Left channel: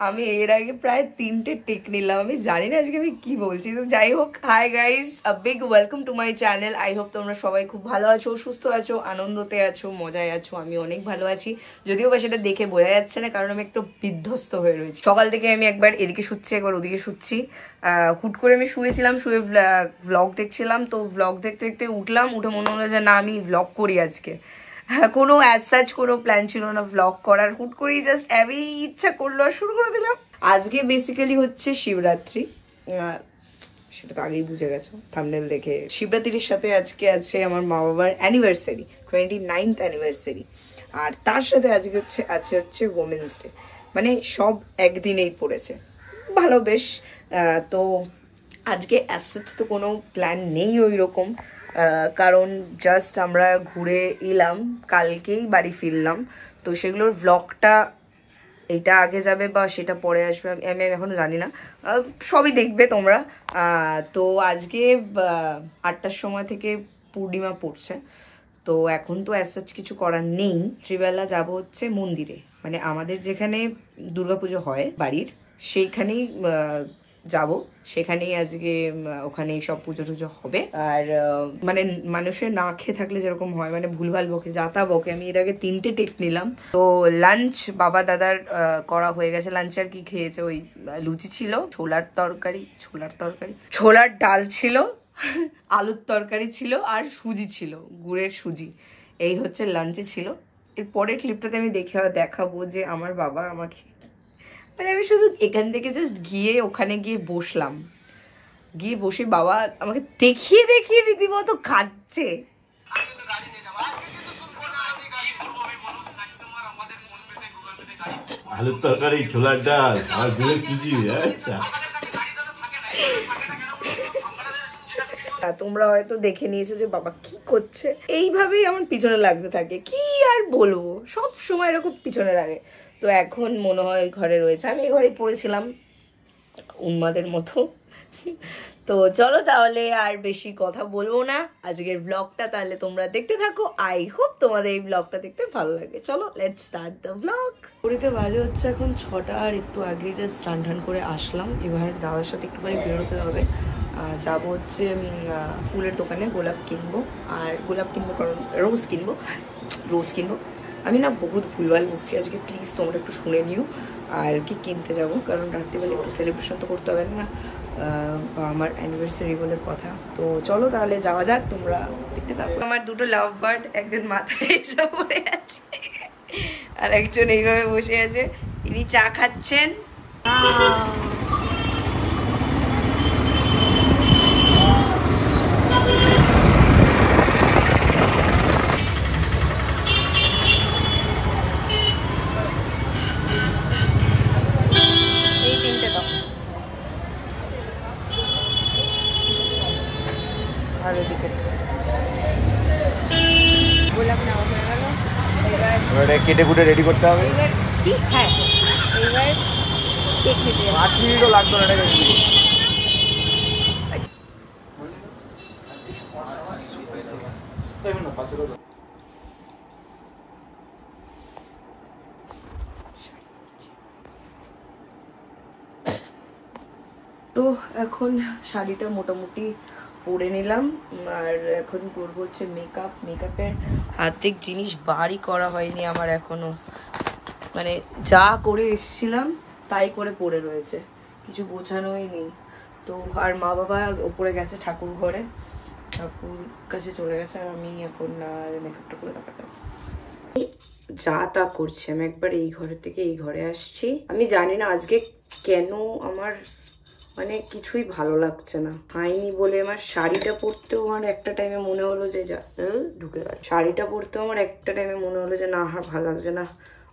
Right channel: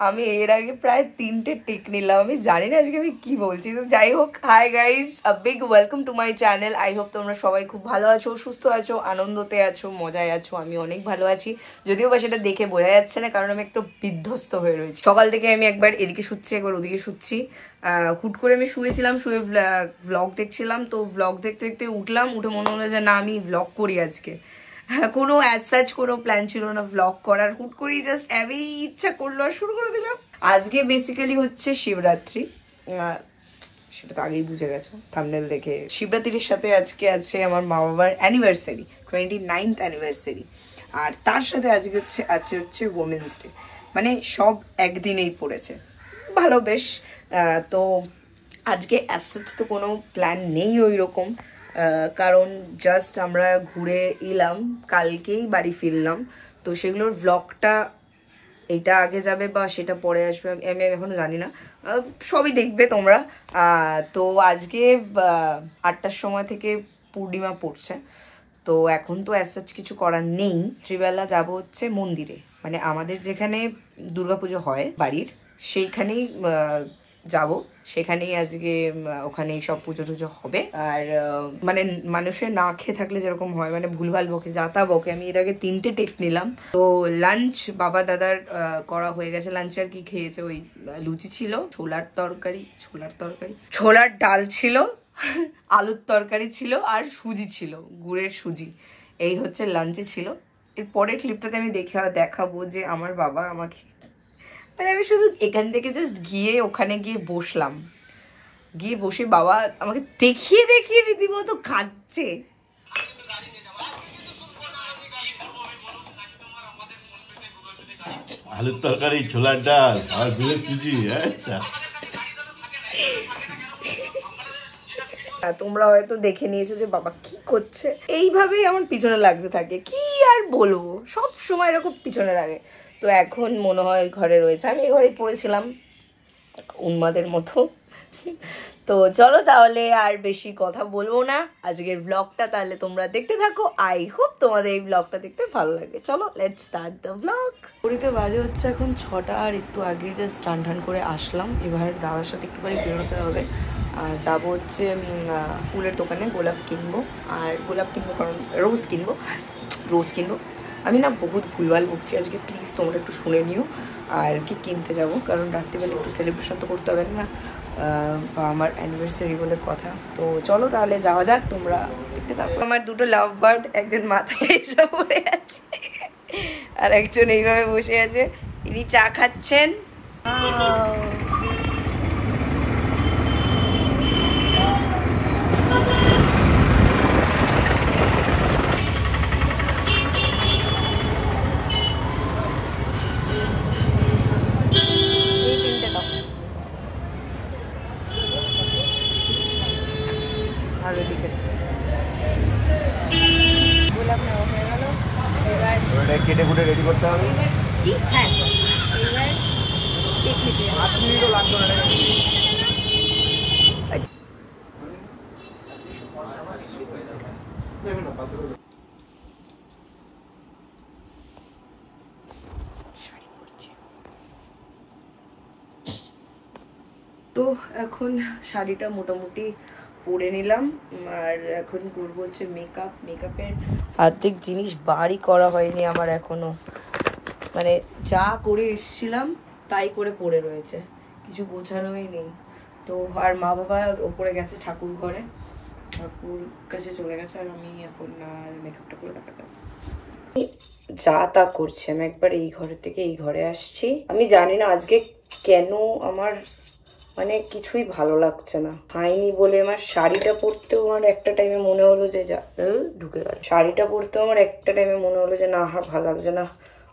আমি এর আগে প্রায় 3টে টেক নিলাম, আমি জানি না আজকে আমি কি বলছি। তো যাই হোক, hi guys, a big welcome to my channel. I hope তোমরা সবাই খুব ভালো আছো, সুস্থ আছো, আনন্দতে আছো, মজায় আছো। আমি অনেক ভালো আছি, যদিও বা সেটা দেখে বোঝা যাচ্ছে না, কারণ আমি একটু বিধ্বস্ত হয়ে রয়েছি। সকাল থেকে আমি একবার এদিকে শুচ্ছি, একবার ওদিকে শুচ্ছি। হুট করে আমি শুয়েছিলাম, শুয়ে ভ্লগ দেখছিলাম। তো ভ্লগ দেখতে দেখতে উঠলাম, উঠে মনে হলো যে না, আমি ভ্লগ করি আজকে। কোনো অ্যাজ সাচ কোনো প্ল্যান ছিল না ভ্লগ করার, হুট করেই জাস্ট এমনি ইচ্ছা করলো আর শুরু করে দিলাম। আজকে বেসিক্যালি হচ্ছে শিবরাত্রি, সেটা তো আগেই বুঝে গেছো থাম্বনেল দেখে। শিবরাত্রির সাথে আজকে আছে আমার মা বাবার অ্যানিভার্সারি, 29th অ্যানিভার্সারি। আর তার সাথে আজকে হচ্ছে ওমেন্স ডে, মানে সব একদিনেই পড়েছে। ভালো বেশ। তো আজকে অ্যাজ সাচ তো কোনো প্ল্যান নেই ওই রকম, কারণ জাস্ট আমরা ঘুরে এলাম, কালকেই বাড়ি ফিরলাম। তো সেগুলোর ভ্লগটা এটা আগে যাবে বা সেটা পরে আসবে আমি এখনো জানি না, সবই দেখবে তোমরা। তো আজকে 8টার সময় থেকে পূর্ণিমা পড়ছে। তো এখন তো অ্যাজ সাচ কিছু করার নেই। রাত্রিবেলা যাব হচ্ছে মন্দিরে, মানে আমাদের যেখানে দুর্গাপুজো হয় বাড়ির, সেইখানেই যাব। সেখানেই আজকে ওখানেই সব পুজো টুজো হবে। আর মানে মানুষের না খেয়ে থাকলে যেরকম হয়, মানে ভুলভাল বকে, যা তা বকে। আমি এর আগে 3টে টেক নিলাম। তো লাঞ্চ বাবা দাদার করা হয়ে গেছে। লাঞ্চ আর কি খেয়েছে, ওই লুচি ছিল, ছোলার ডাল ছিল, আলুর তরকারি ছিল, আর সুজি ছিল, গুড়ের সুজি। এই হচ্ছে লাঞ্চে ছিল। এর পরের ক্লিপটাতে আমি দেখাবো যে আমার বাবা আমাকে, মানে আমি শুধু এখান থেকে জাস্ট গিয়ে ওখানে গিয়ে বসলাম, গিয়ে বসে বাবা আমাকে দেখিয়ে দেখিয়ে রীতিমতো খাচ্ছে। আলুর তরকারি, ছোলার ডাল আর গুড়ের সুজি। আচ্ছা, তোমরা হয়তো দেখে নিয়েছো যে বাবা কি করছে। এইভাবেই আমার পিছনে লাগতে থাকে, কি আর বলবো, সব সময় এরকম পিছনে লাগে। তো এখন মনে হয় ঘরে রয়েছে, আমি ঘরেই পড়েছিলাম উন্মাদের মতো। তো চলো তাহলে আর বেশি কথা বলবো না, আজকের ব্লগটা তাহলে তোমরা দেখতে থাকো। আই হোপ তোমাদের এই ব্লগটা দেখতে ভালো লাগে। চলো লেটস স্টার্ট দ্য ব্লগ। ঘড়িতে বাজে হচ্ছে এখন 6টা, আর একটু আগে জাস্ট স্নান টান করে আসলাম। এবার দাদার সাথে একটুখানি বেরোতে হবে, যাবো হচ্ছে ফুলের দোকানে, গোলাপ কিনবো। আর গোলাপ কিনবো কারণ রোজ কিনবো। আমি না বহুত ভুলভাল বকছি আজকে, প্লিজ তোমরা একটু শুনে নিও। আর কি কিনতে যাব, কারণ রাত্রিবেলা একটু সেলিব্রেশন তো করতে হবে না, আমার অ্যানিভার্সারি বলে কথা। তো চলো তাহলে যাওয়া যাক, তোমরা দেখতে থাকো। আমার দুটো লাভ বার্ড, একজন মাথায় এসে পড়ে আছে আর একজন এইভাবে বসে আছে, ইনি চা খাচ্ছেন। এই 3টে দাও, আর ওদিকে গোলাপ নেওয়া হয়ে গেল। এবার কেটে কুটে রেডি করতে হবে। এবার কি, হ্যাঁ এবার কেক নিতে যাবো। 5 মিনিটও লাগবে না। তো এখন শাড়িটা মোটামুটি পরে নিলাম, আর এখন করবো হচ্ছে মেকআপের অর্ধেক জিনিস বাড়ি করা হয়নি আমার এখনো, মানে যা করে এসছিলাম তাই করে পড়ে রয়েছে, কিছু গোছানোই নেই। তো আর মা বাবা ওপরে গেছে ঠাকুর ঘরে, ঠাকুর কাছে চলে গেছে, আর আমি এখন আর মেকআপটা করে দেখাতাম যা তা করছি। আমি একবার এই ঘরের থেকে এই ঘরে আসছি, আমি জানি না আজকে কেন আমার মানে কিছুই ভালো লাগছে না। খাইনি বলে আমার শাড়িটা পরতেও আমার একটা টাইমে মনে হলো যে ঢুকে গেল, শাড়িটা পরতেও আমার একটা টাইমে মনে হলো যে না, আর ভালো লাগছে না,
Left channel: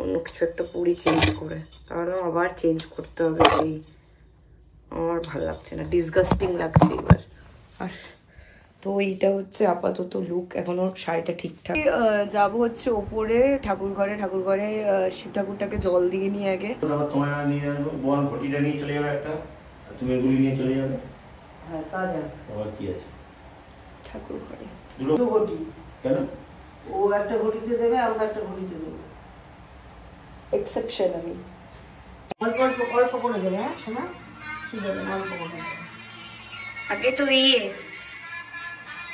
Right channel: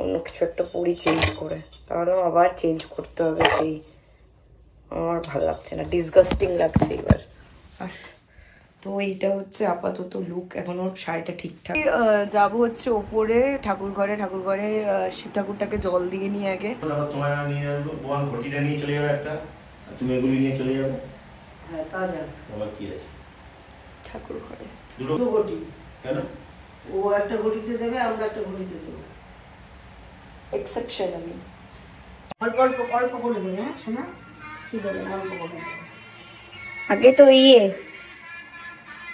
অন্য কিছু একটা পরি চেঞ্জ করে, কারণ আবার চেঞ্জ করতে হবে। সেই আমার ভালো লাগছে না, ডিসগাস্টিং লাগছে এবার। আর তো এইটা হচ্ছে আপাতত লুক, এখনো শাড়িটা ঠিকঠাক। যাবো হচ্ছে ওপরে ঠাকুর ঘরে শিব ঠাকুরটাকে জল দিয়ে নিয়ে আগে। তুমি এগুলি নিয়ে চলে যাবে। হ্যাঁ তা যাবে, তোমার কি আছে ঠাকুর ঘরে দুটো ঘটি কেন? ও একটা ঘটিতে দেবে, আমরা একটা ঘটিতে দেবো, এক্সেপশন। আমি অল্প অল্প অল্প করে দেবে, হ্যাঁ শোনা, সিদ্ধ করে। আগে তো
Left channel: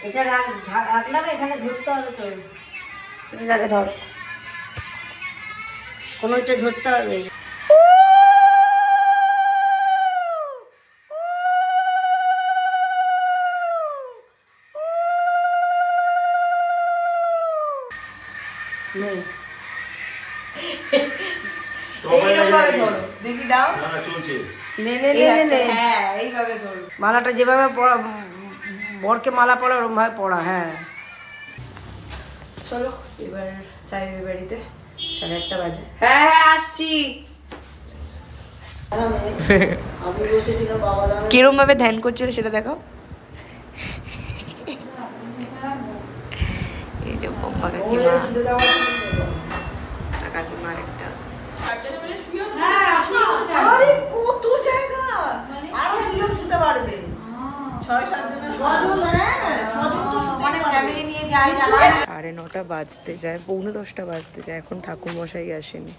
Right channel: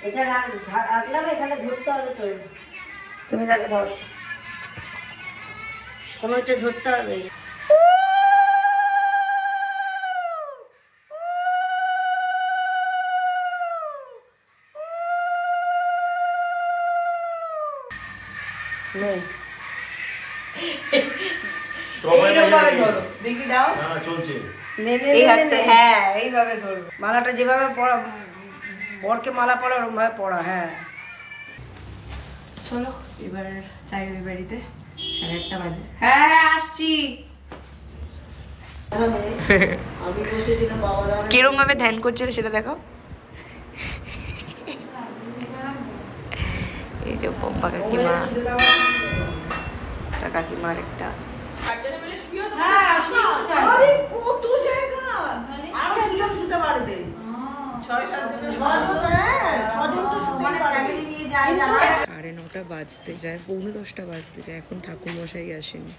এটা রাখলাম, এখানে ধরতে হবে তো। তুমি তাকে ধরো, কোনোটা ধরতে হবে। মালাটা যেভাবে পড়া, বরকে মালা পড়া ওরকম ভাবে পড়া। হ্যাঁ চলো এবার চাই ওই বাড়িতে, 1:30 বাজে। হ্যাঁ হ্যাঁ আসছি। কিরম ভাবে ধ্যান করছিল সেটা দেখো। এই যে বম্বা কাকিমা, কাকিমার একটা সাড়ে 9টা বাজতে যায়, 9:45 বাজতে যায়, এখন ঠাকুর মশাই আসেনি।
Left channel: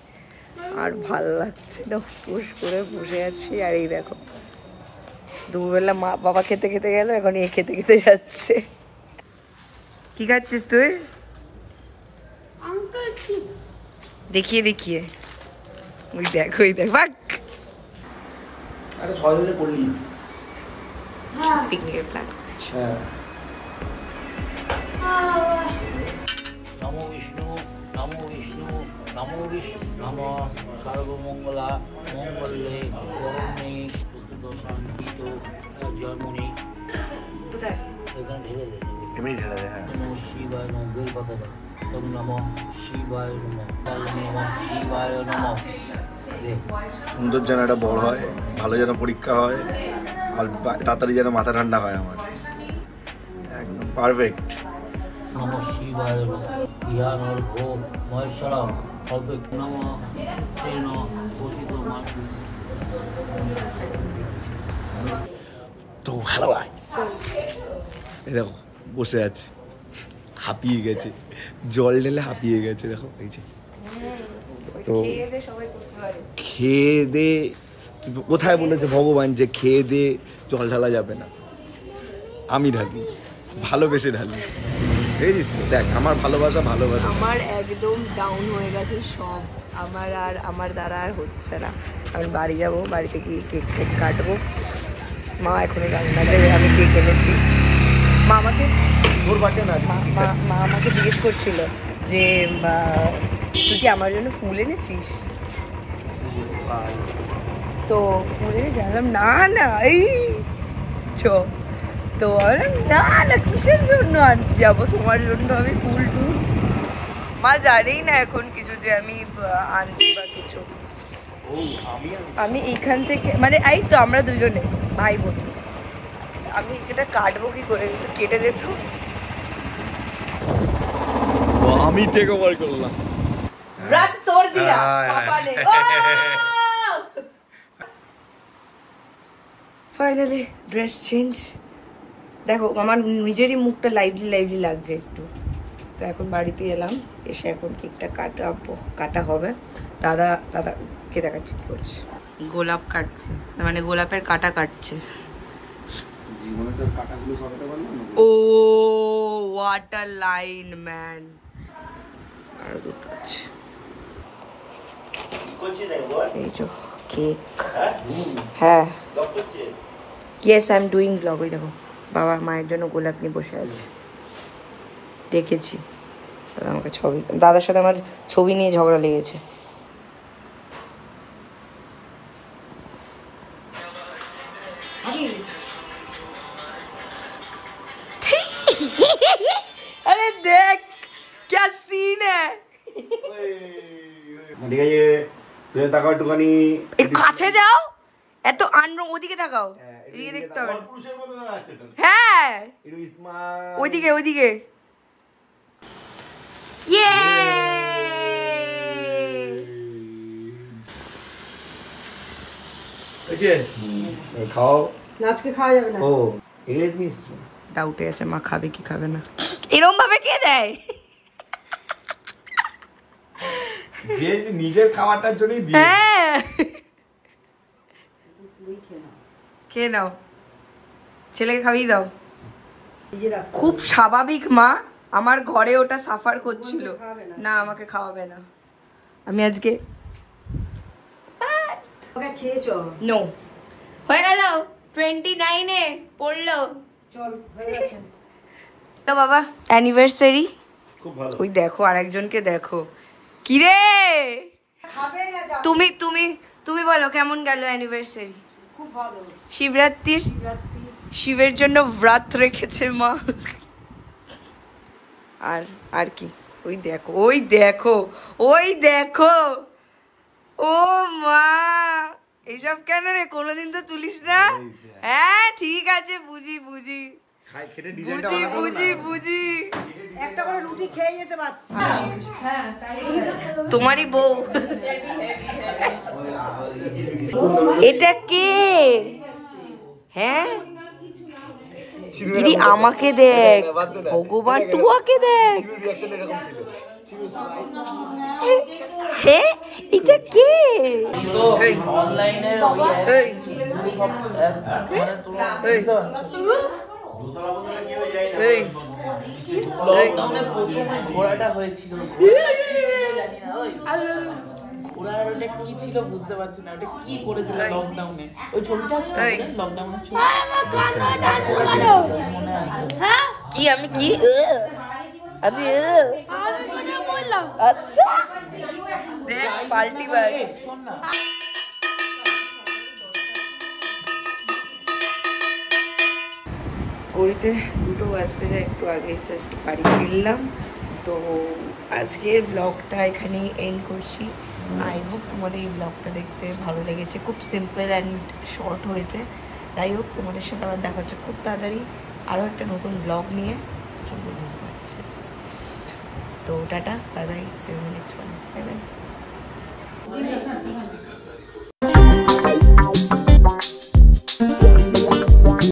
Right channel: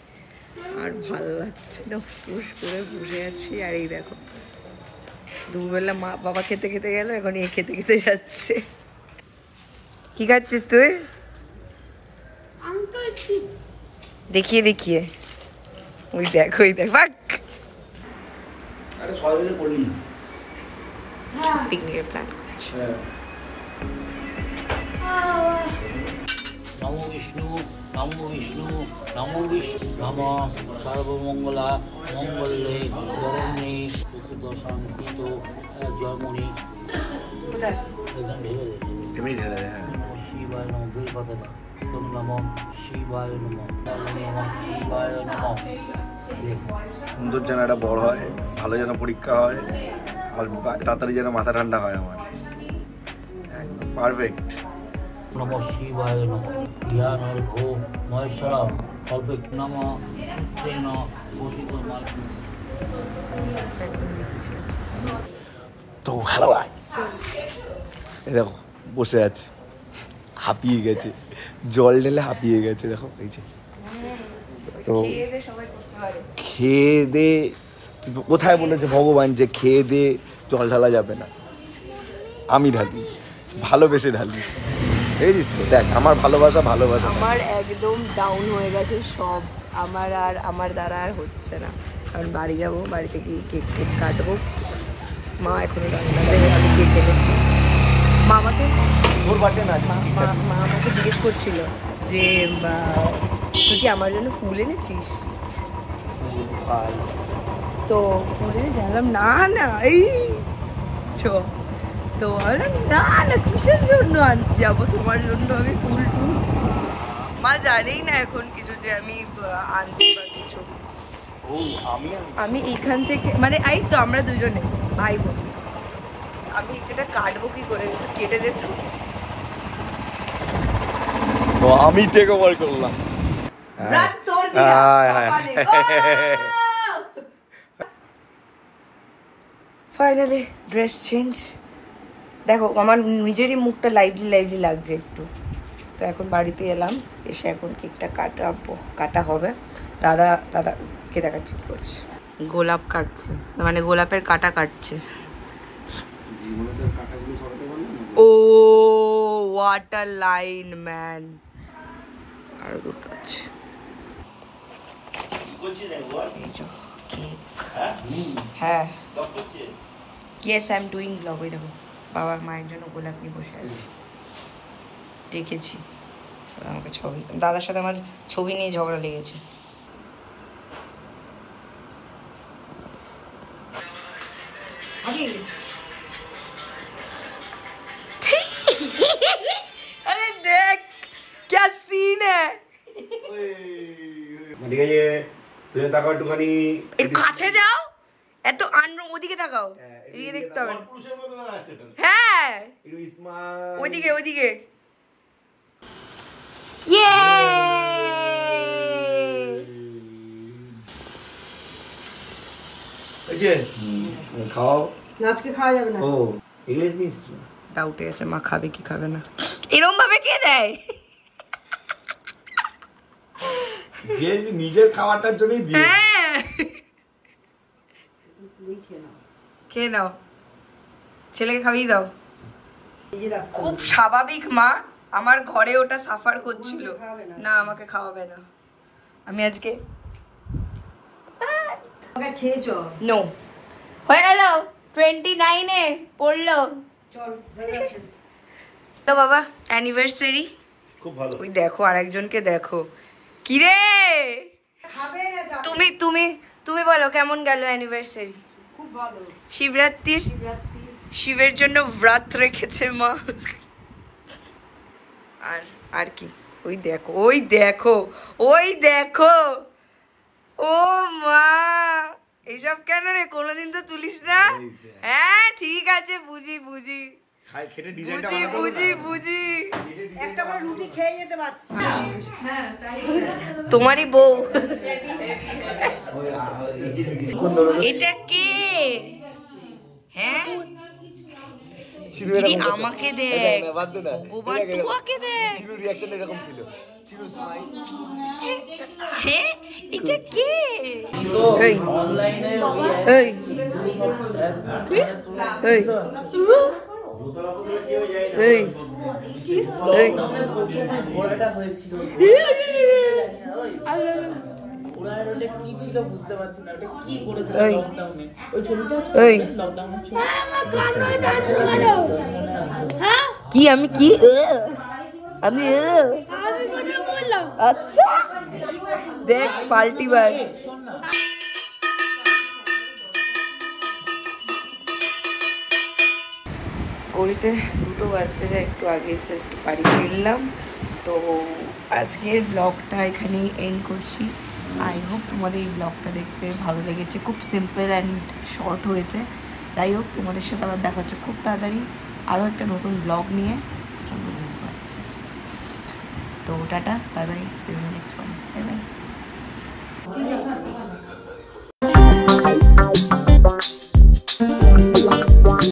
আর ভাল লাগছে না, পুষ করে বসে আছি। আর এই দেখো দুপুরবেলা মা বাবা খেতে খেতে গেল, এখন এ খেতে খেতে যাচ্ছে। কি খাচ্ছিস তুই? দেখিয়ে দেখিয়ে, ওই দেখ ওই দেখ, বাক পিকনিকের প্ল্যান। নমো বিষ্ণু, নমো বিষ্ণু, নমো বিষ্ণু, নমো সর্বমঙ্গলা মঙ্গলে বরণে শান্তিত জন্মনি। কোথায়? এখানে ঢেলে দে, এমনি ঢেলে দে। হ্যাঁ নমো শিবায় নমঃ, বের কথা বল। তোম নমো শিবায় নমঃ, নমো শিবায় নমঃ। সুন্দর যেন একটা বড় হয়, ভালো যেন পরীক্ষা হয়, আর তাড়াতাড়ি যেন মাথা ঠান্ডা হয় আমার, একদম পারফেক্ট। নমো শিবায় নমঃ, জ্ঞানর ভো মহেশ্বরম সর্বৈক নমঃ সূত্রেণ পতিত মাতু। তো হ্যালো গাইস, এই দেখো বসে আছে, হাঁপিয়ে গেছে, জল ঢেলে হাঁপিয়ে গেছে। দেখো এই যে, তো খেয়ে দে, কোথায় বলেছে ভগবান যে খেয়ে দে জল ঢালা যাবে না? আমি ঢালি, ভালোবেসে ঢালি। বুঝিস তো? দেখ আমার ভালোবাসা, ভালোবাসা আমার একদম ডাউন হয়ে গেছে সব, আমার দ্বারা আর হচ্ছে না। আমি বাড়ি যাব, বাড়িতে গিয়ে কেক কাটবো। মা এখনো জানে না যে আমি কেক এনেছি। মা আমাকে জিজ্ঞেস করছিল যে তুই কি আমার জন্য ফুল এনেছিস? তো ফুল এনে জানলাম না না এই তো না না কিসের জন্য আনতে যাবো তোমার জন্য আমি ফুল টুল। মা জানেই না এখন কিছু যে আমি আনছি বা কিছু। আমি এইখান থেকে মানে এই তো আমরা দুজনে ভাই বোন, আমি এটা কাটবো কি করে? কেটে যেত। আমি টেক ওভার করলাম। তোর দিয়া ফাইনালি ড্রেস চেঞ্জ। দেখো আমার নিজেরই মুখটা লাইভলি লাগছে একটু। তো এখন বাড়িতে এলাম, এসে এখন কেকটা কাটা হবে। দাদাকে দেখাচ্ছি কি করছে, গোলাপ কাটছে, মানে গোলাপের কাটা কাটছে। ও হোয়াট আ লাইন ম্যান। আরো দুটো আছে, এই যে কেক। হ্যাঁ yes I am doing blog. ওই দেখো বাবা মায়ের জন্য গোলাপ নিয়ে বসে আছে, দেখেছি। আমাকে ছবি, দাদার সাথে আমার ছবি নিয়ে ঝগড়া লেগেছে। আরে দেখ क्या सीन है। তাকাও একটুখানি, কাছে যাও, এত ওদিকে তাকাও, এদিকে দেখতে হবে না। হ্যাঁ ওইদিকে ওইদিকে। খাও, আজকে খাওয়া যাবে না। ও ইলিশ মিষ্টি ডাউটে আছে মা খাবে কি খাবে না। এরকম ভাবে কে দেয়? যে নিজের খাওয়াটার জন্যই দিয়ে। হ্যাঁ খেয়ে নাও, ছেলেকে খাইয়ে দাও। খুব স্বাভাবিক মা, আমার ঘরে ওটা সাফার করছিল। না আমাকে খাওয়াবে না, আমি আজকে নো হয়ে গেল 29-এ পড়লো। তো বাবা অ্যানিভার্সারি খুব ভালো। ওই দেখো আরেকজনকে দেখো, কিরে তুমি তুমি তুমি বলো কেমন গেল অ্যানিভার্সারি? খুব ভালো। শিবরাত্রির শিবের জন্য ব্রত রেখেছে মা। আর আর কি, ওই দেখো ওই দেখো ওই দেখো, ও মা এইসব কেন রে, কোনোদিন তো তুলিস না। হ্যাঁ ঠিক আছে, বুঝি বুঝি বুঝি বুঝি বুঝি, একটা করে রুটি খেয়ে যেতে পারতি। তোমারই বউ। এটা কে? হ্যাঁ ইরি আমাকে দেখ, ভগবান টুয়াকে দেখ। হ্যাঁ এটা কে? কি ছিল বুঝতে পারছি না, ওটা কি করেছিল লকডাউনে, ওই ছবিটা কি আমি কি আমি কথা বললাম। আচ্ছা দেখ পাল্টি ভাই। ঘড়িতে 2টো বাজতে যায়, একটু আগে জাস্ট বাড়ি ফিরলাম। তো আজকের ব্লগটা এখানেই এন্ড করছি। আই হোপ তোমাদের এই ব্লগটা দেখতে ভালো লেগেছে, খুব সিম্পল অ্যান্ড শর্ট হয়েছে। যাই হোক তোমাদের সাথে আবার দেখা হচ্ছে খুব তাড়াতাড়ি আরও একটা নতুন ব্লগ নিয়ে। প্রচণ্ড ঘুম পাচ্ছে, তো tata, bye bye, see you in the next one, bye by.